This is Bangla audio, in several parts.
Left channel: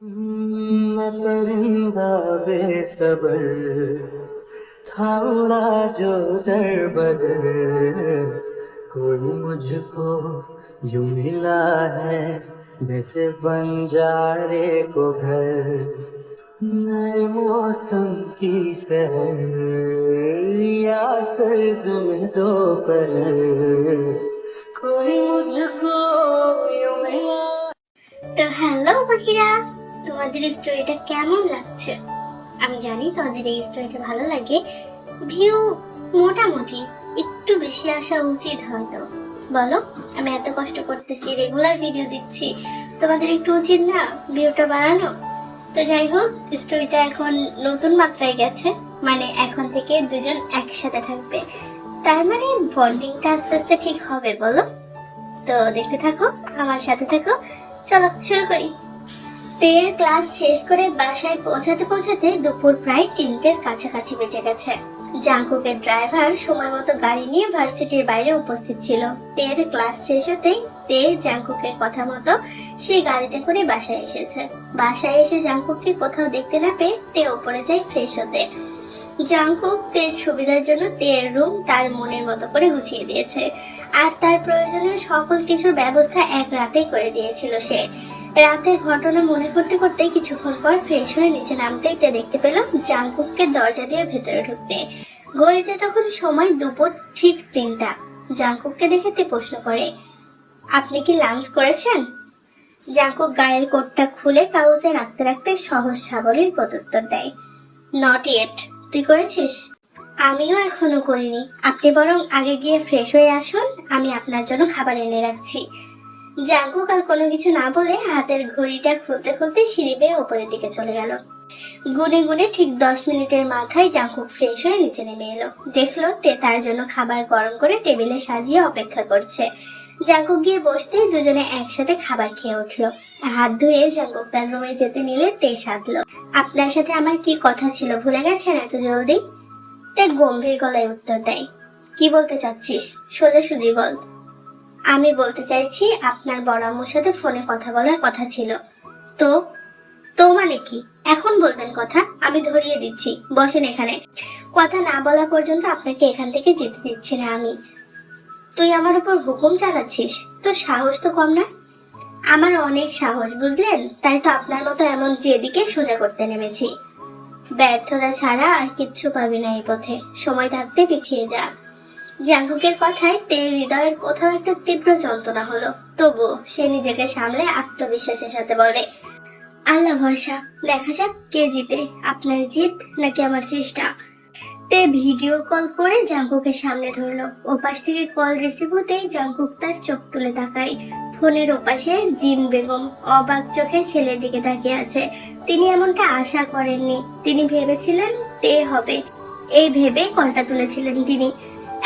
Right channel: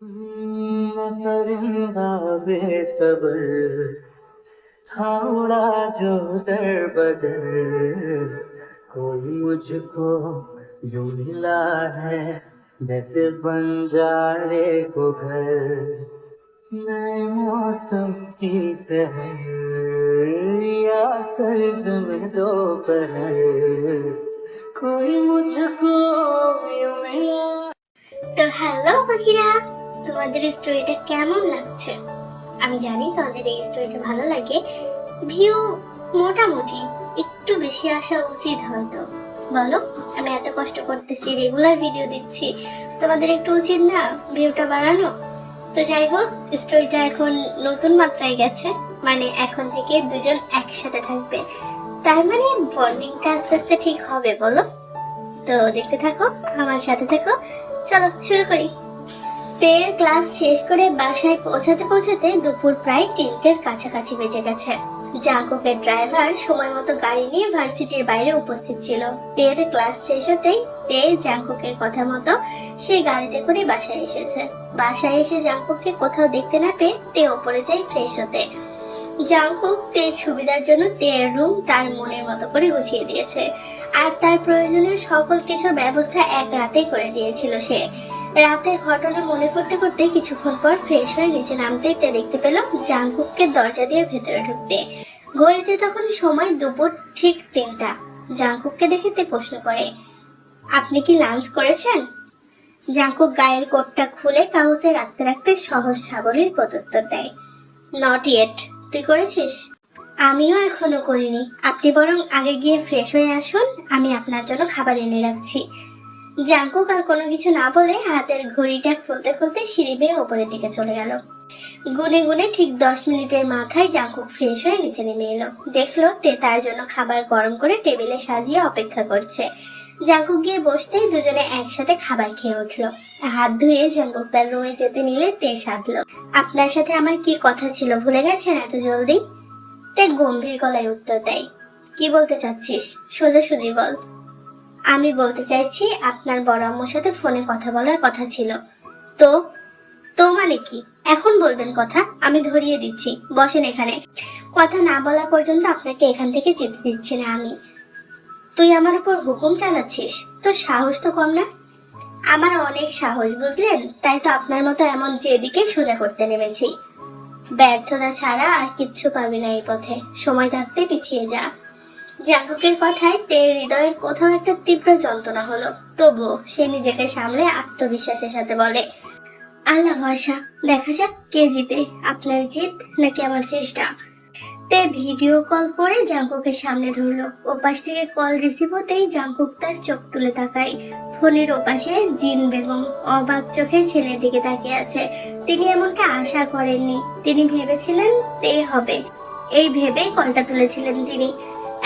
मैं परिंदा बेसब्र था उड़ा जो दर बदर, कोई मुझको यूं मिला है जैसे बंजारे को घर। नए मौसम की सहर या सर्द में दोपहर, कोई मुझको यूं मिला। তো হ্যালো পাখিরা, তোমাদের স্টোরিটা কেমন লাগছে? আমি জানি তোমাদের এই স্টোরিটা ভালো লাগে। ভিউ মোটামুটি একটু বেশি আসা উচিত হয়তো, বলো? আমি এত কষ্ট করতেছি, রেগুলার ভিডিও দিচ্ছি, তোমাদের একটু উচিত না ভিউটা বাড়ানো? তো যাই হোক, স্টোরিটা এখন নতুন মাত্রায় গেছে, মানে এখন থেকে দুজন একসাথে থাকবে, তার মানে বন্ডিংটা আস্তে আস্তে ঠিক হবে, বলো? তো দেখতে থাকো, আমার সাথে থাকো, চলো শুরু করি। তের ক্লাস শেষ করে বাসায় পৌঁছাতে পৌঁছাতে দুপুর প্রায় 3টের কাছাকাছি বেজে গেছে। জাঙ্কুকের ড্রাইভার সময় মতো গাড়ি নিয়ে ভার্সিটির বাইরে উপস্থিত ছিল। তের ক্লাস শেষ হতেই তে জাঙ্কুকের কথা মতো সে গাড়িতে করে বাসায় এসেছে। বাসায় এসে জাঙ্কুককে কোথাও দেখতে না পেয়ে তে ওপরে যায় ফ্রেশ হতে। জাঙ্কুক তের সুবিধার জন্য তের রুম তার মনের মতো করে গুছিয়ে দিয়েছে, আর তার প্রয়োজনীয় সকল কিছুর ব্যবস্থা এক রাতেই করে দিয়েছিল সে। রাতে ঘটনা মনে করতে করতে কিছুক্ষণ পর ফ্রেশ হয়ে নিচে নামতেই তে দেখতে পেল জাঙ্কুককে দরজা দিয়ে ভেতরে ঢুকতে। ঘড়িতে তখন সময় দুপুর ঠিক 3টা। জাঙ্কুককে দেখে তে প্রশ্ন করে, আপনি কি লাঞ্চ করেছেন? জাঙ্কুক গায়ের কোটটা খুলে কাউচে রাখতে রাখতে সহজ সাবলীল প্রত্যুত্তর দেয়, নট ইয়েট। তুই করেছিস? আমিও এখনো করিনি, আপনি বরং আগে গিয়ে ফ্রেশ হয়ে আসুন, আমি আপনার জন্য খাবার এনে রাখছি। জাঙ্কুক আর কোনো কিছু না বলে হাতের ঘড়িটা খুলতে খুলতে সিঁড়ি বেয়ে ওপরের দিকে চলে গেল। গুনে গুনে ঠিক 10 মিনিটের মাথায় জাঙ্কুক ফ্রেশ হয়ে নিচে নেমে এলো। দেখলো তে তার জন্য খাবার গরম করে টেবিলে সাজিয়ে অপেক্ষা করছে। জাঙ্কুক গিয়ে বসতেই দুজনে একসাথে খাবার খেয়ে উঠলো। হাত ধুয়ে জাঙ্কুক তার রুমে যেতে নিলে তে সাধলো, আপনার সাথে আমার কি কথা ছিল ভুলে গেছেন এত জলদি? তে গম্ভীর গলায় উত্তর দেয়, কি বলতে চাচ্ছিস সোজাসুজি বল। আমি বলতে চাইছি আপনার বড় আম্মুর সাথে ফোনে কথা বলার কথা ছিল। তো তো মানে কি? এখন বলবেন কথা, আমি ধরিয়ে দিচ্ছি, বসেন এখানে। কথা না বলা পর্যন্ত আপনাকে এখান থেকে যেতে দিচ্ছি না আমি। তুই আমার উপর হুকুম চালাচ্ছিস? তোর সাহস তো কম না। আমার অনেক সাহস, বুঝলেন? তাই তো আপনার মতো এমন যেদিকে সোজা করতে নেমেছি। ব্যর্থতা ছাড়া আর কিচ্ছু পাবি না এই পথে, সময় থাকতে পিছিয়ে যা। জাঙ্কুকের কথায় তের হৃদয়ের কোথাও একটা তীব্র যন্ত্রণা হলো, তবু সে নিজেকে সামলে আত্মবিশ্বাসের সাথে বলে, আল্লাহ ভরসা, দেখা যাক কে জিতে, আপনার জিত নাকি আমার চেষ্টা। তে ভিডিও কল করে জাঙ্কুকের সামনে ধরলো। ওপাশ থেকে কল রিসিভ হতেই জাঙ্কুক তার চোখ তুলে তাকায়। ফোনের ওপাশে জিন বেগম অবাক চোখে ছেলের দিকে তাকিয়ে আছে। তিনি এমনটা আশা করেননি, তিনি ভেবেছিলেন তে হবে, এই ভেবে কলটা তুলেছিলেন তিনি।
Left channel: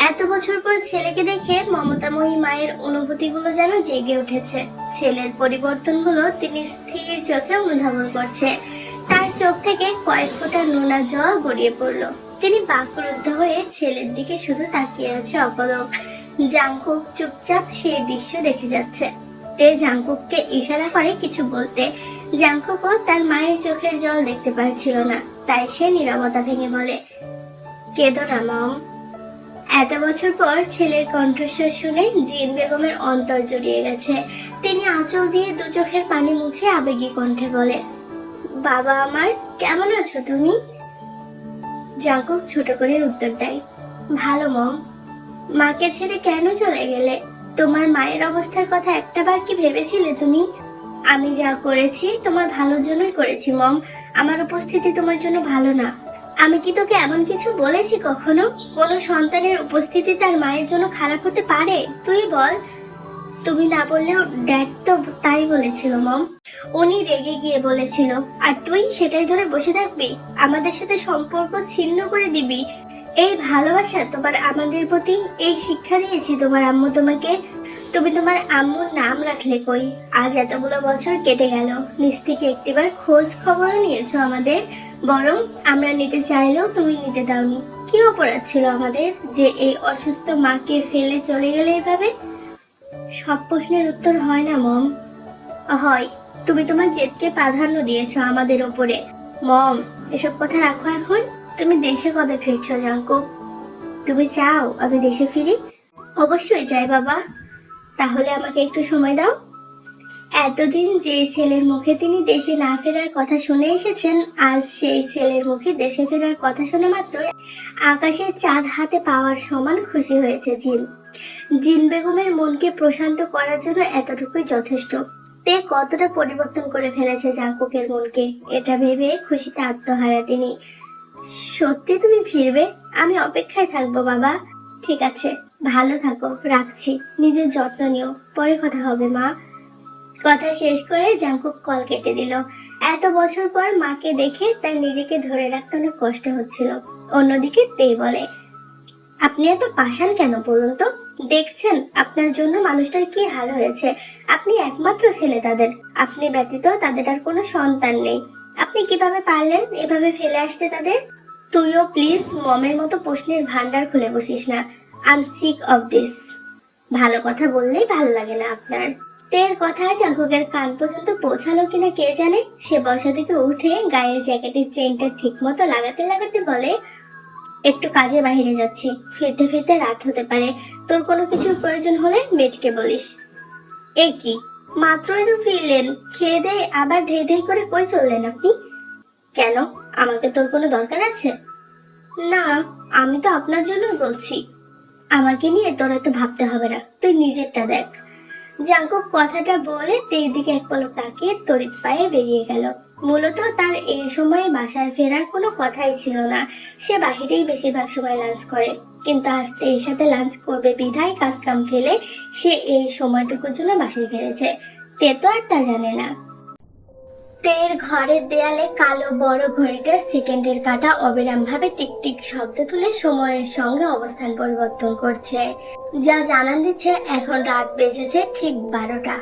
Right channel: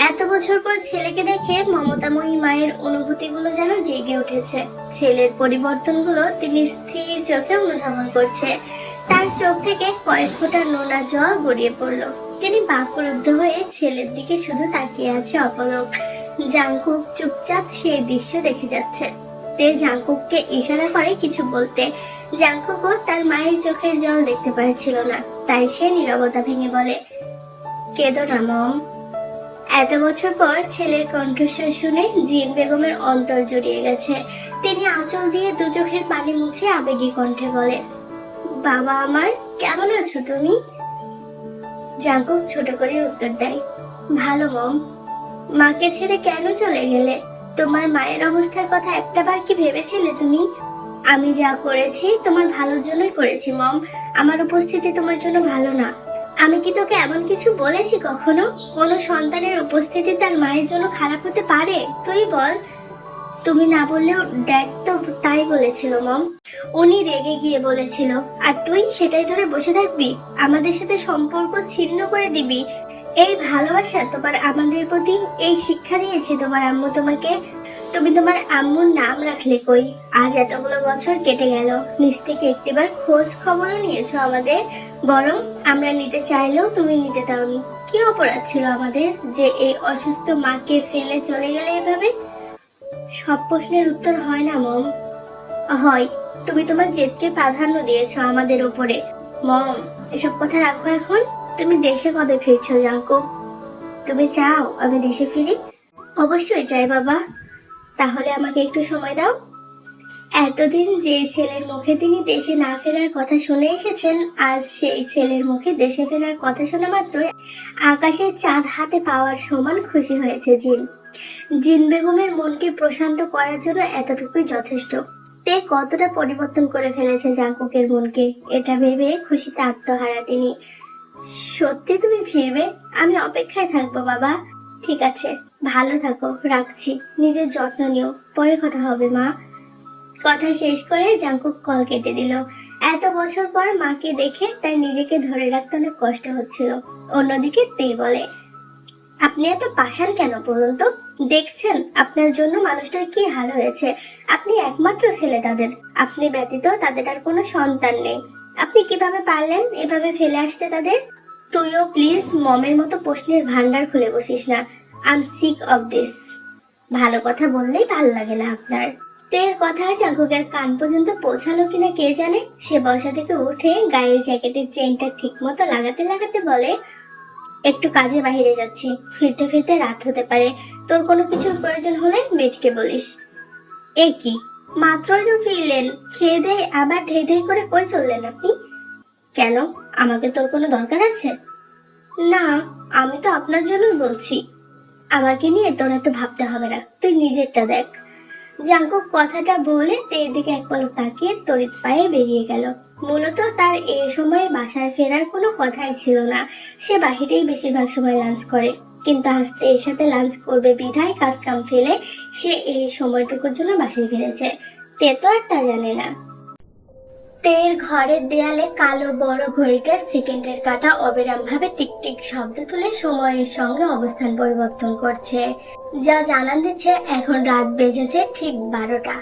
এত বছর পর ছেলেকে দেখে মমতাময়ী মায়ের অনুভূতিগুলো যেন জেগে উঠেছে। ছেলের পরিবর্তনগুলো তিনি স্থির চোখে অনুধাবন করছে। তার চোখ থেকে কয়েক ফোঁটা নোনা জল গড়িয়ে পড়লো। তিনি বাকরুদ্ধ হয়ে ছেলের দিকে শুধু তাকিয়ে আছে অপলক। জাঙ্কুক চুপচাপ সেই দৃশ্য দেখে যাচ্ছে। তে জাঙ্কুককে ইশারা করে কিছু বলতে। জাঙ্কুকও তার মায়ের চোখের জল দেখতে পারছিল না, তাই সে নীরবতা ভেঙে বলে, কেঁদো না মম। এত বছর পর ছেলের কণ্ঠস্বর শুনে জিন বেগমের অন্তর জড়িয়ে গেছে। তিনি আঁচল দিয়ে দু চোখের পানি মুছে আবেগী কণ্ঠে বলে, বাবা আমার, কেমন আছো তুমি? জাঙ্কুক ছোট করে উত্তর দেয়, ভালো মম। মাকে ছেড়ে কেন চলে গেলে? তোমার মায়ের অবস্থার কথা একটাবার কি ভেবেছিলে তুমি? আমি যা করেছি তোমার ভালোর জন্যই করেছি মম। আমার উপস্থিতি তোমার জন্য ভালো না। আমি কি তোকে এমন কিছু বলেছি কখনো? কোনো সন্তানের উপস্থিতি তার মায়ের জন্য খারাপ হতে পারে? তুই বল। তুমি না বললেও ড্যাড তো তাই বলেছিল মম। উনি রেগে গিয়ে বলেছিল, আর তুই সেটাই ধরে বসে থাকবি? আমাদের সাথে সম্পর্ক ছিন্ন করে দিবি? এই ভালোবাসা তোমার আমাদের প্রতি, এই শিক্ষা দিয়েছি তোমার আম্মু তোমাকে। তুমি তোমার আম্মুর নাম রাখলে কই? আজ এতগুলো বছর কেটে গেল, নিজ থেকে একটিবার খোঁজ খবরও নিয়েছো আমাদের? বরং আমরা নিতে চাইলেও তুমি নিতে দাওনি। কি অপরাধ ছিল আমাদের যে এই অসুস্থ মাকে ফেলে চলে গেলে এভাবে? সব প্রশ্নের উত্তর হয় না মম। হয়, তুমি তোমার জেদকে প্রাধান্য দিয়েছো আমাদের উপরে। মম, এসব কথা রাখো এখন। তুমি দেশে কবে ফিরছো জাঙ্কুক? তুমি চাও আমি দেশে ফিরি? অবশ্যই চাই বাবা। তাহলে আমাকে একটু সময় দাও। এতদিন যে ছেলের মুখে তিনি দেশে না ফেরার কথা শুনে এসেছেন, আজ সেই ছেলের মুখে দেশে ফেরার কথা শোনা মাত্র আকাশের চাঁদ হাতে পাওয়ার সমান খুশি হয়েছে জিন। জিন বেগমের মনকে প্রশান্ত করার জন্য এতটুকুই যথেষ্ট। তে কতটা পরিবর্তন করে ফেলেছে জাঙ্কুকের মনকে, এটা ভেবে খুশিতে আত্মহারা তিনি। সত্যি তুমি ফিরবে? আমি অপেক্ষায় থাকবো বাবা। ঠিক আছে, ভালো থাকো, রাখছি। নিজের যত্ন নিও, পরে কথা হবে মা। কথা শেষ করে জাঙ্কুক কল কেটে দিল। এত বছর পর মাকে দেখে তার নিজেকে ধরে রাখতে অনেক কষ্ট হচ্ছিল। অন্যদিকে তে বলে, আপনি এত পাষাণ কেন বলুন তো? দেখছেন আপনার জন্য মানুষটার কি হাল হয়েছে। আপনি একমাত্র ছেলে তাদের, আপনি ব্যতীত তাদের আর কোনো সন্তান নেই। আপনি কিভাবে পারলেন এভাবে ফেলে আসতে তাদের? তুইও প্লিজ মমের মতো প্রশ্নের ভান্ডার খুলে বসিস না। I am sick of this. ভালো কথা বললেই ভালো লাগে না আপনার। তের কথা জাঙ্কুকের কান পর্যন্ত পৌঁছালো কিনা কে জানে। সে বসা থেকে উঠে গায়ের জ্যাকেটের চেইনটা ঠিক মতো লাগাতে লাগাতে বলে, একটু কাজে বাইরে যাচ্ছি, ফিরতে ফিরতে রাত হতে পারে। তোর কোনো কিছুর প্রয়োজন হলে মেয়েটিকে বলিস। এ কি, মাত্রই তো ফিরলেন, খেয়ে দিয়ে আবার ধেই ধেই করে কই চললেন আপনি? কেন, আমাকে তোর কোনো দরকার আছে? না, আমি তো আপনার জন্যই বলছি। আমাকে নিয়ে তোর এত ভাবতে হবে না, তুই নিজেরটা দেখ। জাঙ্কুক কথাটা বলে তের দিকে এক পলক তাকিয়ে তড়িৎ পায়ে বেরিয়ে গেল। মূলত তার এই সময় বাসায় ফেরার কোনো কথাই ছিল না। সে বাহিরেই বেশিরভাগ সময় লাঞ্চ করে, কিন্তু আজ তের সাথে লাঞ্চ করবে বিধায় কাজ কাম ফেলে সে এই সময়টুকুর জন্য বাসায় ফিরেছে। তে তো আর তা জানে না। তের ঘরের দেয়ালে কালো বড় ঘড়িটা সেকেন্ডের কাঁটা অবিরাম ভাবে টিকটিক শব্দ তুলে সময়ের সঙ্গে অবস্থান পরিবর্তন করছে, যা জানান দিচ্ছে এখন রাত বেজেছে ঠিক 12টা।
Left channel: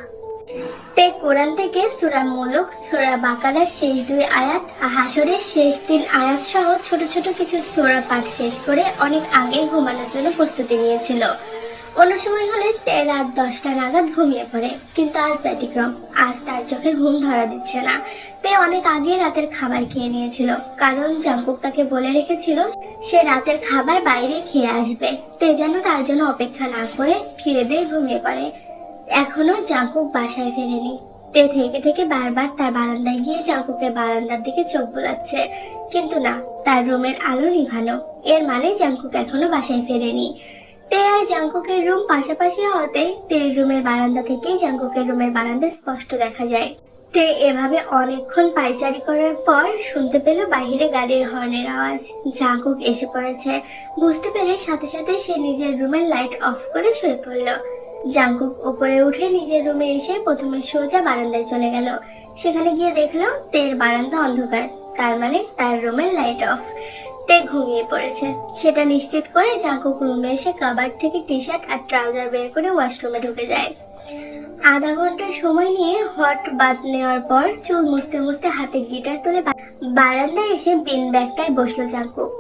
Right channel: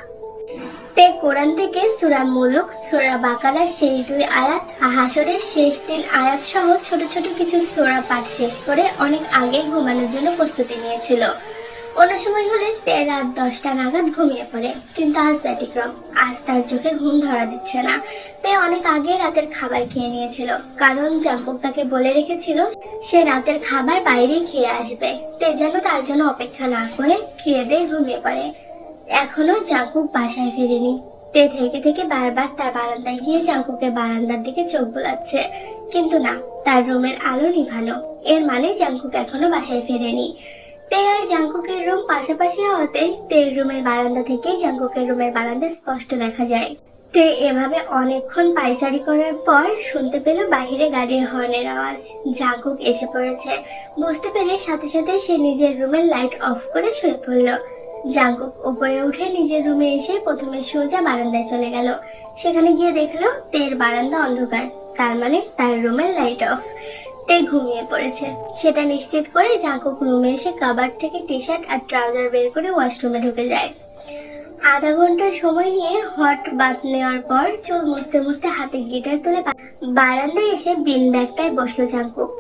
তে কোরআন থেকে সূরা মুলুক, সূরা বাকারার শেষ 2 আয়াত, হাসরের শেষ 3 আয়াত সহ ছোট ছোট কিছু সূরা পাঠ শেষ করে অনেক আগে ঘুমানোর জন্য প্রস্তুতি নিয়েছিল। অন্য সময় হলে তে রাত 10টা নাগাদ ঘুমিয়ে পড়ে, কিন্তু আজ ব্যতিক্রম। আজ তার চোখে ঘুম ধরা দিচ্ছে না। তে অনেক আগে রাতের খাবার খেয়ে নিয়েছিল, কারণ জাঙ্কুক তাকে বলে রেখেছিল সে রাতের খাবার বাইরে খেয়ে আসবে। তে যেন তার জন্য অপেক্ষা না করে খেয়ে দিয়ে ঘুমিয়ে পড়ে। এখনো জাঙ্কুক বাসায় ফেরেনি। তে থেকে থেকে বারবার তার বারান্দায় গিয়ে জাঙ্কুকের বারান্দার দিকে চোখ বোলাচ্ছে, কিন্তু না, তার রুমের আলো নিভানো। এর মানে জাঙ্কুক এখনো বাসায় ফেরেনি। তে আর জাঙ্কুকের রুম পাশাপাশি হওয়াতে তের রুমের বারান্দা থেকেই জাঙ্কুকের রুমের বারান্দা স্পষ্ট দেখা যায়। তে এভাবে অনেকক্ষণ পায়চারি করার পর শুনতে পেল বাহিরে গাড়ির হর্নের আওয়াজ। জাঙ্কুক এসে পড়েছে। বুঝতে পেরে সাথে সাথে সে নিজের রুমের লাইট অফ করে শুয়ে পড়ল। জাঙ্কুক উপরে উঠে নিজের রুমে এসে প্রথমে সোজা বারান্দায় চলে গেল। সেখানে গিয়ে দেখলো তের বারান্দা অন্ধকার, তার মানে তার রুমের লাইট অফ। তে ঘুমিয়ে পড়েছে। সেটা নিশ্চিত করে জাঙ্কুক রুমে এসে কাবার্ড থেকে টি শার্ট আর ট্রাউজার বের করে ওয়াশরুমে ঢুকে যায়। আধা ঘন্টা সময় নিয়ে হট বাথ নেওয়ার পর চুল মুছতে মুছতে হাতে গিটার তুলে বারান্দায় এসে বিন ব্যাগটায় বসলো জাঙ্কুক।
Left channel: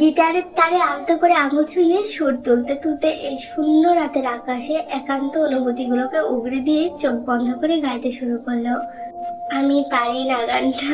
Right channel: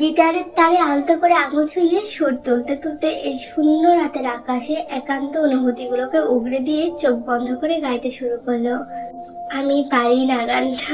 গিটারের তারে আলতো করে আঙুল ছুঁয়ে সুর তুলতে তুলতে এই শূন্য রাতের আকাশে একান্ত অনুভূতিগুলোকে উগড়ে দিয়ে চোখ বন্ধ করে গাইতে শুরু করলো, আমি পারি না গানটা।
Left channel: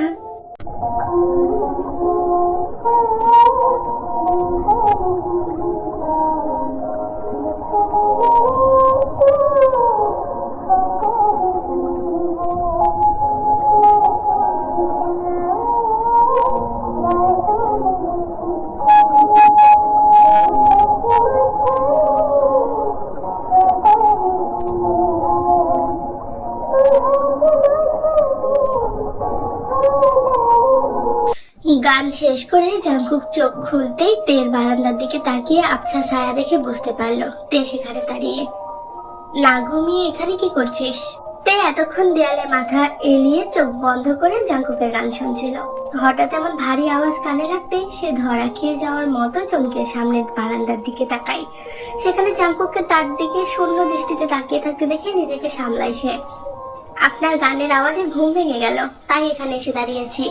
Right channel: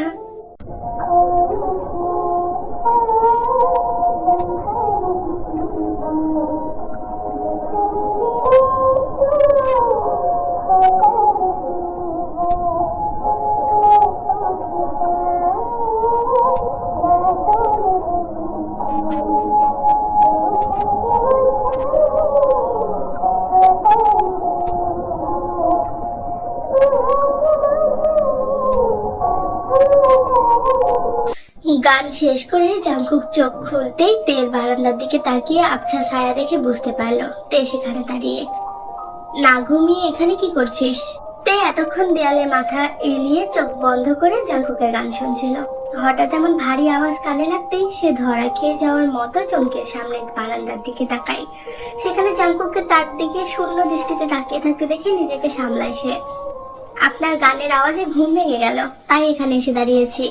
গান শেষ করে জাঙ্কুক চোখ খুলতেই তের বারান্দার দিকে তাকিয়ে আবছা ছায়া দেখে বুঝতে পারলো তে সেখানে দাঁড়িয়ে। না ঘুমিয়ে এখানে কি করছিস? তে এতক্ষণ দেয়ালে মাথা এলিয়ে চোখ বন্ধ করে জাঙ্কুকের গান শুনছিল। হঠাৎ এমন ভারী আওয়াজ কানে লাগতেই সে ধরা খেয়ে যাওয়ার মতো চমকে সামনে বারান্দার দিকে তাকায়। সেখানে জাঙ্কুককে তার দিকে শূন্য দৃষ্টিতে তাকিয়ে থাকতে দেখে নিজেকে সামলায় সে। আপনার গানের আওয়াজে ঘুম ভেঙে গেল, তাই এখানে এসে দাঁড়িয়েছি।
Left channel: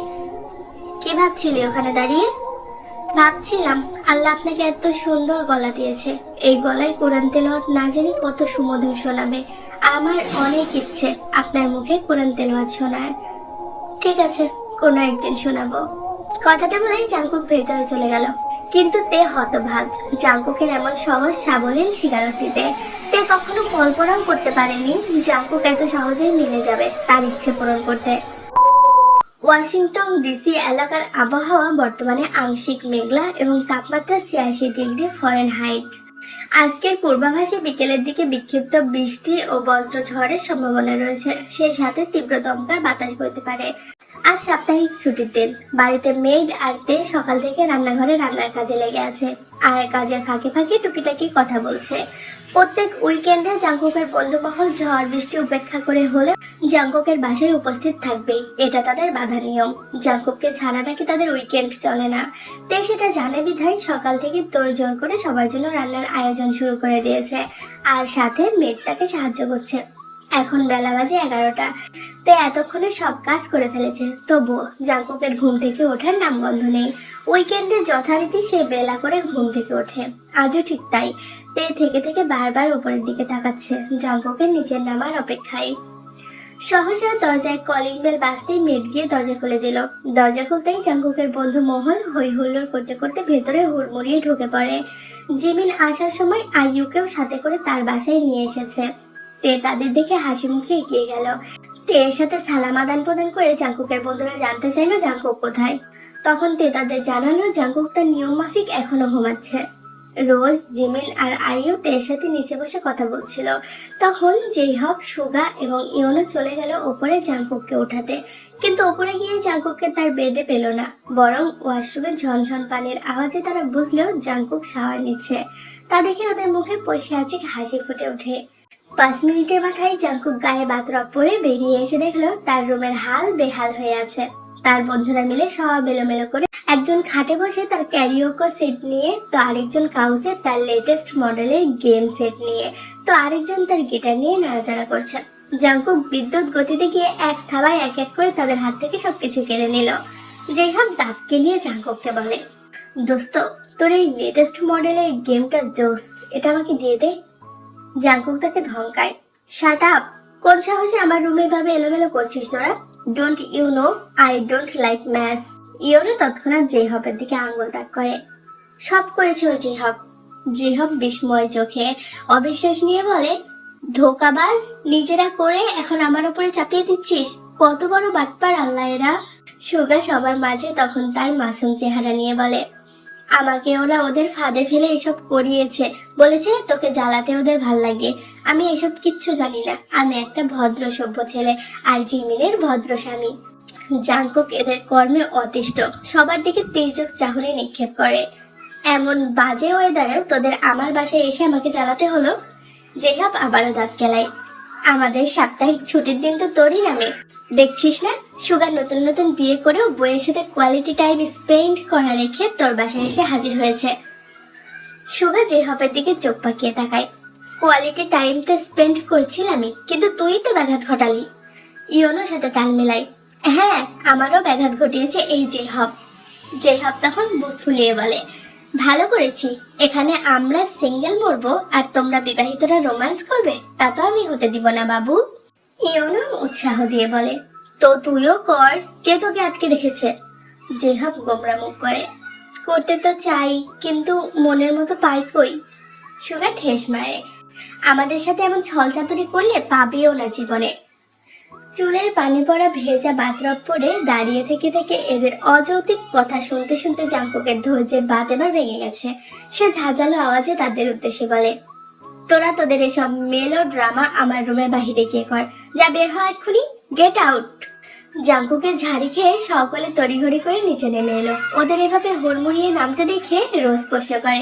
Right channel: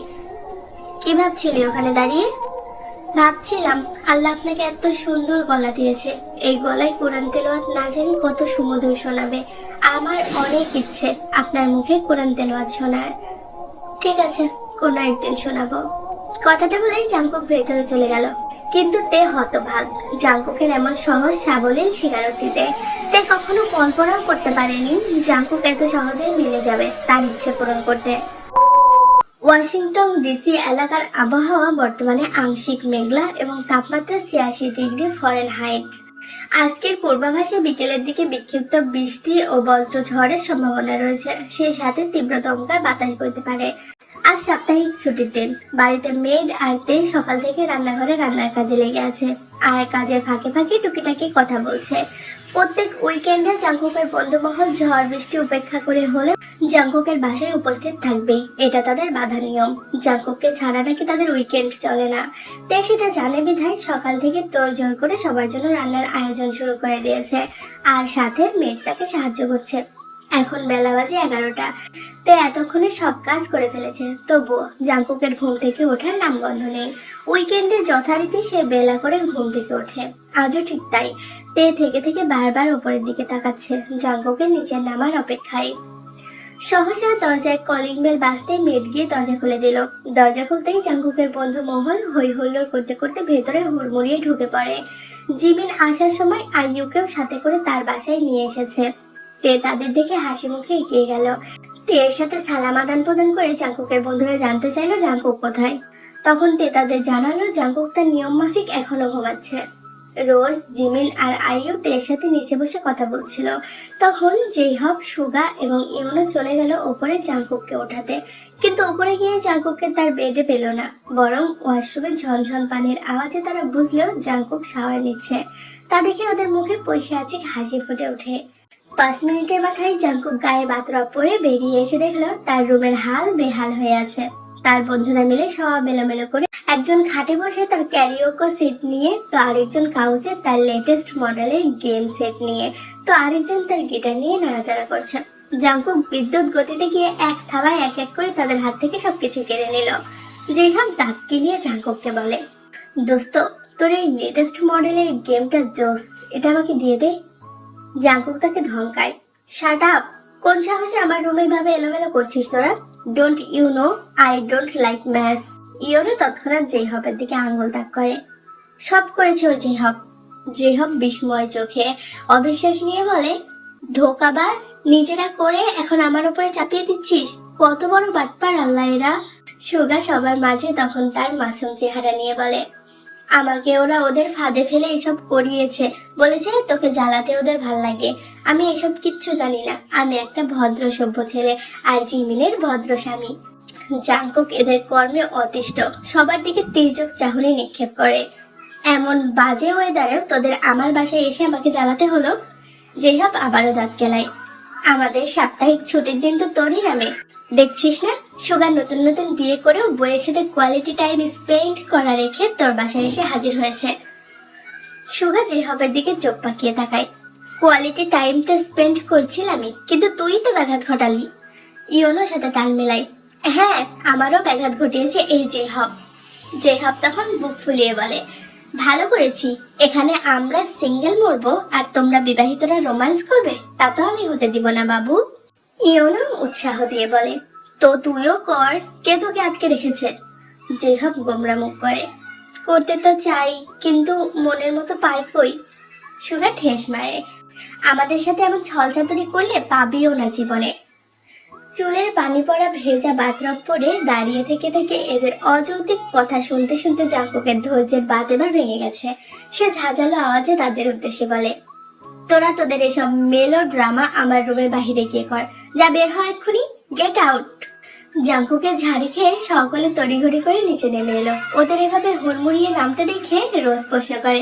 কি ভাবছিলি ওখানে দাঁড়িয়ে? ভাবছিলাম আল্লাহ আপনাকে এত সুন্দর গলা দিয়েছে, এই গলায় কোরআন তেলাওয়াত না জানি কত সুমধুর শোনাবে। আমার অনেক ইচ্ছে আপনার মুখে কোরআন তেলাওয়াত শোনার। ঠিক আছে, কোনো একদিন শোনাবো। কথাটা বলেই জাঙ্কুক ভেতরে চলে গেল। কিন্তু তে হতভাগ জাঙ্কুকের এমন সহজ সাবলীল স্বীকারোক্তিতে। তে কখনো কল্পনাও করতে পারেনি জাঙ্কুক এত সহজেই মেনে যাবে তার ইচ্ছে পূরণ করতে। ওয়াশিংটন ডিসি এলাকার আবহাওয়া বর্তমানে আংশিক মেঘলা এবং তাপমাত্রা 86 ডিগ্রি ফরেনহাইট। আজকের পূর্বাভাসে বিকেলের দিকে বিক্ষিপ্ত বৃষ্টি ও বজ্র ঝড়ের সম্ভাবনা রয়েছে, সেই সাথে তীব্র দমকার বাতাস বইতে পারে। আজ সাপ্তাহিক ছুটির দিন। বাড়িতে মেড আর তে সকাল থেকে রান্নাঘরে রান্নার কাজে লেগে আছে, আর কাজের ফাঁকে ফাঁকে টুকিটাকি কথা বলছে। প্রত্যেক উইকেন্ডে জাঙ্কুকের বন্ধুমহল ঝড় বৃষ্টি উপেক্ষা করে হলে জাঙ্কুকের বাসায় উপস্থিত থাকবেই, এটা তাদের বাধা নিয়ম। জাঙ্কুককে ছাড়া নাকি তাদের উইকেন্ড চলে না। তে সেটা জানে বিধায় সকাল থেকে তোড়জোড় করে সবার জন্য রান্নার আয়োজন শুরু করে দিয়েছে, আর সাথে মেড তাকে সাহায্য করছে। এখন বেলা বাজে 11টা। তে এতক্ষণে সব কাজ করে ফেলেছে, তবুও জাঙ্কুকের ঘুম থেকে ওঠার নামগন্ধ নেই। উইকেন্ডে যথারীতি সে বেলা করে ঘুম থেকে ওঠে, আজও ঠিক তাই। তে থেকে থেকে বারবার উপরের দিকে তাকাচ্ছে, জাঙ্কুকের নিচে নামার অপেক্ষায়। সহসা দরজায় কলিং বেল বাজতে মেড গিয়ে দরজা খুলে দিল। দরজা খুলতেই জাঙ্কুকের বন্ধু মোহন হই হুল্লোড় করতে করতে ভেতরে হুড়মুড়িয়ে ঢুকে পড়ে। জিমিন আসার সময় আইয়ুকেও সাথে করে তার বাসায় নিয়ে এসেছে। তে তাদের দেখে হাসি মুখে এগিয়ে গেল। তে এর সাথে সালাম আদান প্রদান করে জাঙ্কুকের বন্ধুরা জানতে চাইলো জাঙ্কুক কোথায়। তখন তে তাদের জানালো জাঙ্কুক তার নিয়ম মাফিক এখনো ঘুমাচ্ছে। রোজ, জিমিন আর আইয়ু তের সাথে নিচে বসে কথা বলছিল। তখন জেইহব, সুগা এবং ইওনো চলে গেল ওপরে জাঙ্কুককে ওঠাতে। কিন্তু ওপরে গিয়ে জাঙ্কুককে তার বেডে পেল না, বরং ওয়াশরুমে ঝনঝন পানির আওয়াজে তারা বুঝলো জাঙ্কুক শাওয়ার নিচ্ছে। তা দেখে ওদের মুখে পৈশাচিক হাসি ফুটে ওঠে। 5 মিনিটের মাথায় জাঙ্কুক গায়ে বাতরপ পরে বেরিয়ে এসে দেখলো তার রুমের হাল বেহাল হয়ে আছে। তার বন্ধুরা মিলে সব এলোমেলো করে, একজন খাটে বসে তার ক্যারিওকো সেট নিয়ে, তো আরেকজন কাউচে তার লেটেস্ট মডেলের গেম সেট নিয়ে, তো আরেকজন তার গিটার নিয়ে নাড়াচাড়া করছে। জাঙ্কুক বিদ্যুৎ গতিতে গিয়ে এক থাবায় এক এক করে তাদের হাত থেকে সবকিছু কেড়ে নিল। যেইহব দাঁত কেলিয়ে জাঙ্কুককে বলে, দোস্ত, তোর এই লেটেস্ট মডেলের গেমটা জোস, এটা আমাকে দিয়ে দে। জাঙ্কুক তাকে ধমকায়, শাট আপ, কোন সাহসে আমার রুমে ভাবে এলোমেলো করছিস তোরা? Don't you know I don't like mess. ইওনো তৎক্ষণাৎ জেইহবের দিকে আঙ্গুল তাক করে। সব করেছে ওই জেইহব। জেইহব বিস্ময় চোখে অবিশ্বাস নিয়ে বলে, ধোকাবাজ, নিজেরা করে এখন আমার উপরে চাপিয়ে দিচ্ছিস? কত বড় বাটপার আল্লাহ এরা। সুগা সবার মাঝে তখন তার মাসুম চেহারা নিয়ে বলে, আমাকে ওরা ওদের ফাঁদে ফেলে এসব করিয়েছে, বলেছে তোকে জ্বালাতে ওদের ভাল লাগে। আমি এসব কিচ্ছু জানি না, আমি একটা ভদ্র সভ্য ছেলে আর জিমিনের ভদ্র স্বামী। জাঙ্কুক এদের কর্মে অতিষ্ঠ, সবার দিকে তীর্যক চাহনি নিক্ষেপ করে। এমন বাজে ওয়েদারেও তোদের আমার বাসায় এসে আমাকে জ্বালাতে হলো। জেহাব আবারও দাঁত কেলায়, আমাদের সাপ্তাহিক ছুটির দিন তো তোরই নামে, দেখছিস না? সুগার নতুন নতুন বিয়ে করেও বইয়ের সাথে কোয়ালিটি টাইম স্পেন্ড করা রেখে তোর বাসায় এসে হাজির হয়েছে। সুগা জেহাবের দিকে চোখ পাকিয়ে তাকায়, কোয়ালিটি টাইম তো স্পেন্ড করছিলামই, কিন্তু তুই তো ব্যাঘাত ঘটালি। ইওনোর সাথে তাল মেলাই, হ্যাঁ, আমারও ব্যাঘাত ঘটিয়েছে এই জেহাব। জেহাব তখন বুক ফুলিয়ে বলে, ভালো করেছি, এখানে আমরা সিঙ্গেল মরবো আর তোমরা বিবাহিতরা রোম্যান্স করবে, তা তো আমি হতে দিব না বাবু। ইওনো উৎসাহ দিয়ে বলে, তো তুইও কর, কে তোকে আটকে রেখেছে? জেহাব গোমরা মুখ করে, করতে তো চাই, কিন্তু মনের মতো পাই কই। সুগা ঠেস মারে, আমাদের সাথে এমন ছলচাতুরি করলে পাবিও না জীবনে। চুলের পানি পড়া ভেজা বাতরব পরে দাঁড়িয়ে থেকে থেকে এদের অযৌক্তিক কথা শুনতে শুনতে জাঙ্কুকের ধৈর্যের বাঁধ এবার ভেঙে গেছে। সে ঝাঁঝালো আওয়াজে তাদের উদ্দেশ্যে বলে, তোরা তোদের এসব মেলো ড্রামা আমার রুমের বাহিরে গিয়ে কর, যা বের হয় এক্ষুনি, গেট আউট। জাঙ্কুকের ঝাড়ি খেয়ে সকলে তড়িঘড়ি করে নিচে নেমে এলো। ওদের এভাবে হুড়মুড়িয়ে নামতে দেখে রোজ প্রশ্ন করে,